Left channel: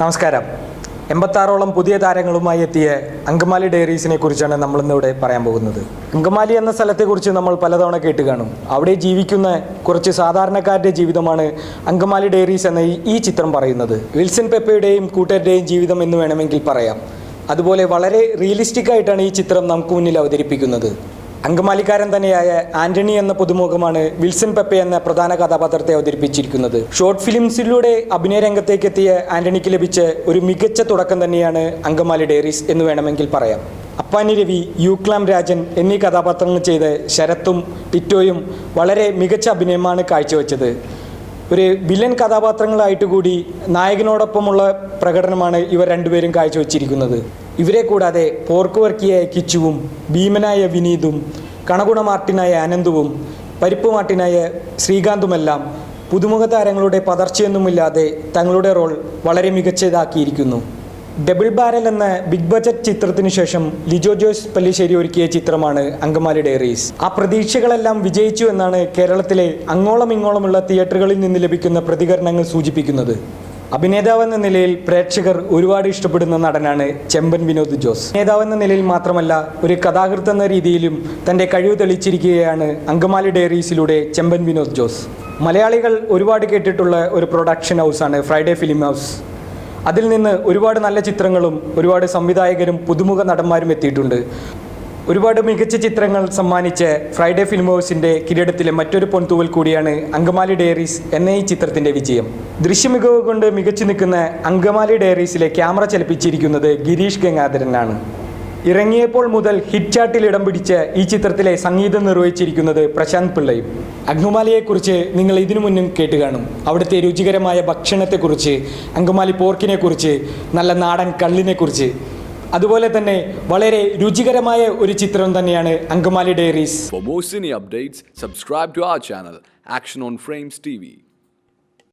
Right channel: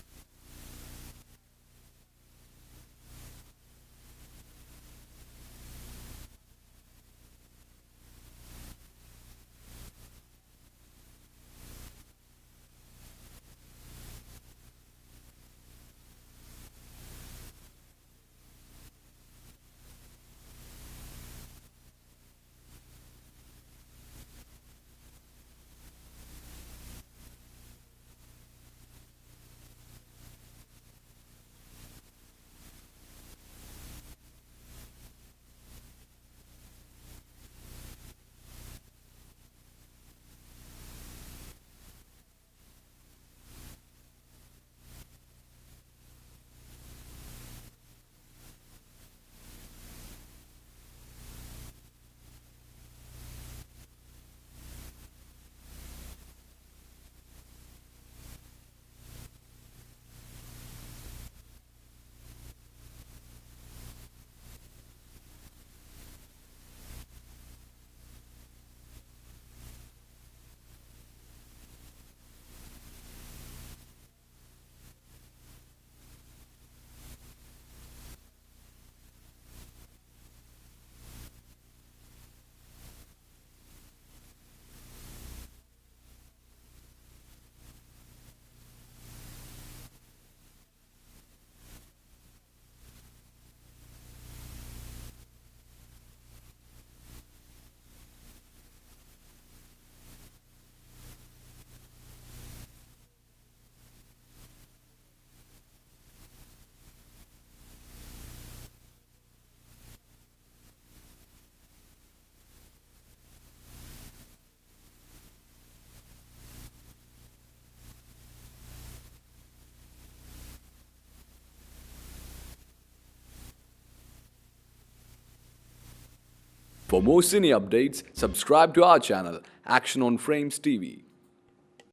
നമസ്കാരം. 86ഓളം പുതിയ താരങ്ങളുമായി എത്തിയ അങ്കമാലി ഡയറീസിനെ കുറിച്ചാണ് നമ്മളിന്നിവിടെ പറയാൻ പോകുന്നത്. അങ്കമാലി എന്ന സ്ഥലത്തെക്കുറിച്ച് നമ്മൾ പലതവണ കേട്ട് കാണും. അവിടെ ജീവിക്കുന്ന കുറച്ച് സാധാരണക്കാരുടെ ജീവിതമാണ് അങ്കമാലി ഡയറീസ് എന്ന ഈ ചിത്രം പറയുന്നത്. വിൽസൺ പെപ്പയുടെയും കൂട്ടരുടെയും ജീവിതം എന്ന് വേണമെങ്കിൽ പറയാം. അതുപോലെ വളരെ റിയലിസ്റ്റിക് ആയിട്ടാണ് ഈ ചിത്രം നമുക്ക് മുന്നിൽ അവതരിപ്പിക്കുന്നത്. അങ്കമാലിക്കാരൻ തന്നെയായ ആന്റണി എന്ന പുതുമുഖമാണ് വിൽസൺ പെപ്പെ എന്ന പ്രധാന കഥാപാത്രത്തെ അവതരിപ്പിച്ചിരിക്കുന്നത്. ഷോർട്ട് ഫിലിംസിലൂടെ അഭിനയ രംഗത്തേക്ക് എത്തിയ ആന്റണിക്ക് ലഭിച്ച ഒരു മികച്ച തുടക്കം തന്നെയാണ് അങ്കമാലി ഡയറീസ് എന്ന് വേണമെങ്കിൽ പറയാം. അപ്പാനി രവി, യൂക്ലാം രാജൻ എന്നീ കഥാപാത്രങ്ങൾ ചെയ്ത് ശരത്തും ടിറ്റോയും വളരെ മികച്ച അഭിനയമാണ് കാഴ്ചവെച്ചത്. ഒരു വില്ലൻ കഥാപാത്രങ്ങളായിട്ട് കൂടി നായകനോടൊപ്പമുള്ള പ്രകടനമാണ് ഇവർ രണ്ടുപേരും കാഴ്ചവെച്ചിരിക്കുന്നത്. ഇവരെ കൂടാതെ പോർക്ക് വർക്കിയായ കിച്ചുവും ഭീമനായ വിനീതും കണകുണ മാർട്ടിനായ ആനന്ദുവും പരിപ്പ് മാർട്ടിനായ ശ്രീകാന്തുമെല്ലാം പുതുമുഖ താരങ്ങളുടെ പതർച്ചയൊന്നുമില്ലാതെ തങ്ങളുടെ റോൾ വളരെ മികച്ചതാക്കിയിരിക്കുന്നു. ഡബിൾ ബാരൽ എന്ന ബിഗ് ബജറ്റ് ചിത്രത്തിന് ശേഷം ലിജോ ജോസ് പല്ലിശ്ശേരി ഒരുക്കിയ ചിത്രമാണ് അങ്കമാലി ഡയറീസ്. ആ പ്രതീക്ഷകളെല്ലാം വിജയിച്ചു എന്നാണ് കേരളത്തിലെ അങ്ങോളം ഇങ്ങോളമുള്ള തിയേറ്ററുകളിൽ നിന്ന് ലഭിക്കുന്ന പ്രതികരണങ്ങൾ സൂചിപ്പിക്കുന്നത്. അഭിനേതാവെന്ന നിലയിൽ പ്രേക്ഷകർ ഒരുപാട് ഇഷ്ടപ്പെടുന്ന നടനാണ് ചെമ്പൻ വിനോദ് ജോസ്. അഭിനേതാവെന്ന നിലയിൽ മാത്രമല്ല, ഒരു കഥാകൃത്ത് എന്ന രീതിയിലും തൻ്റെ കഴിവ് തെളിയിച്ചിരിക്കുകയാണ് അങ്കമാലി ഡയറീസിലൂടെ ചെമ്പൻ വിനോദ് ജോസ്. മലയാളികൾ ഒരുപാട് കേട്ടിട്ടുള്ള ഒരു പ്രൊഡക്ഷൻ ഹൗസാണ് ഫ്രൈഡേ ഫിലിം ഹൗസ്. അതിൽ നിന്ന് ഒരുപാട് നല്ല ചിത്രങ്ങളും ഒരുപാട് സംവിധായകരും പുതുമുഖ നടന്മാരും എത്തിയിട്ടുണ്ട്. ഒരുപാട് മികച്ച ചിത്രങ്ങൾ സമ്മാനിച്ച ഫ്രൈഡേ ഫിലിം ഹൗസിൻ്റെ കിരീടത്തിലെ മറ്റൊരു പൊൻതൂവൽ കൂടിയാണ് അങ്കമാലി ഡയറീസ് എന്ന ഈ ചിത്രത്തിൻ്റെ വിജയം. ദൃശ്യമികവ് കൊണ്ട് മികച്ചു നിൽക്കുന്ന അങ്കമാലി ഡയറീസിലെ ക്യാമറ ചലിപ്പിച്ചിരിക്കുന്നത് ഗിരീഷ് ഗംഗാധരനാണ്. ഇറങ്ങിയപ്പോൾ മുതൽ ഹിറ്റ് ചാർട്ടിൽ ഇടം പിടിച്ച ഈ ചിത്രത്തിലെ സംഗീതം നിർവഹിച്ചിരിക്കുന്നത് പ്രശാന്ത് പിള്ളയും. അങ്കമാലിയെക്കുറിച്ച് നിങ്ങൾ ഇതിനു മുന്നും കേട്ട് കാണും. അവിടുത്തെ രുചികരമായ ഭക്ഷണത്തെക്കുറിച്ച്, അങ്കമാലി പോർക്കിനെക്കുറിച്ച്, നല്ല നാടൻ കള്ളിനെക്കുറിച്ച്. അതുപോലെ തന്നെ വളരെ രുചികരമായ ഒരു ചിത്രം തന്നെയാണ് Angamaly diaries. For more cine updates, subscribe to our channel, Action on Frames TV.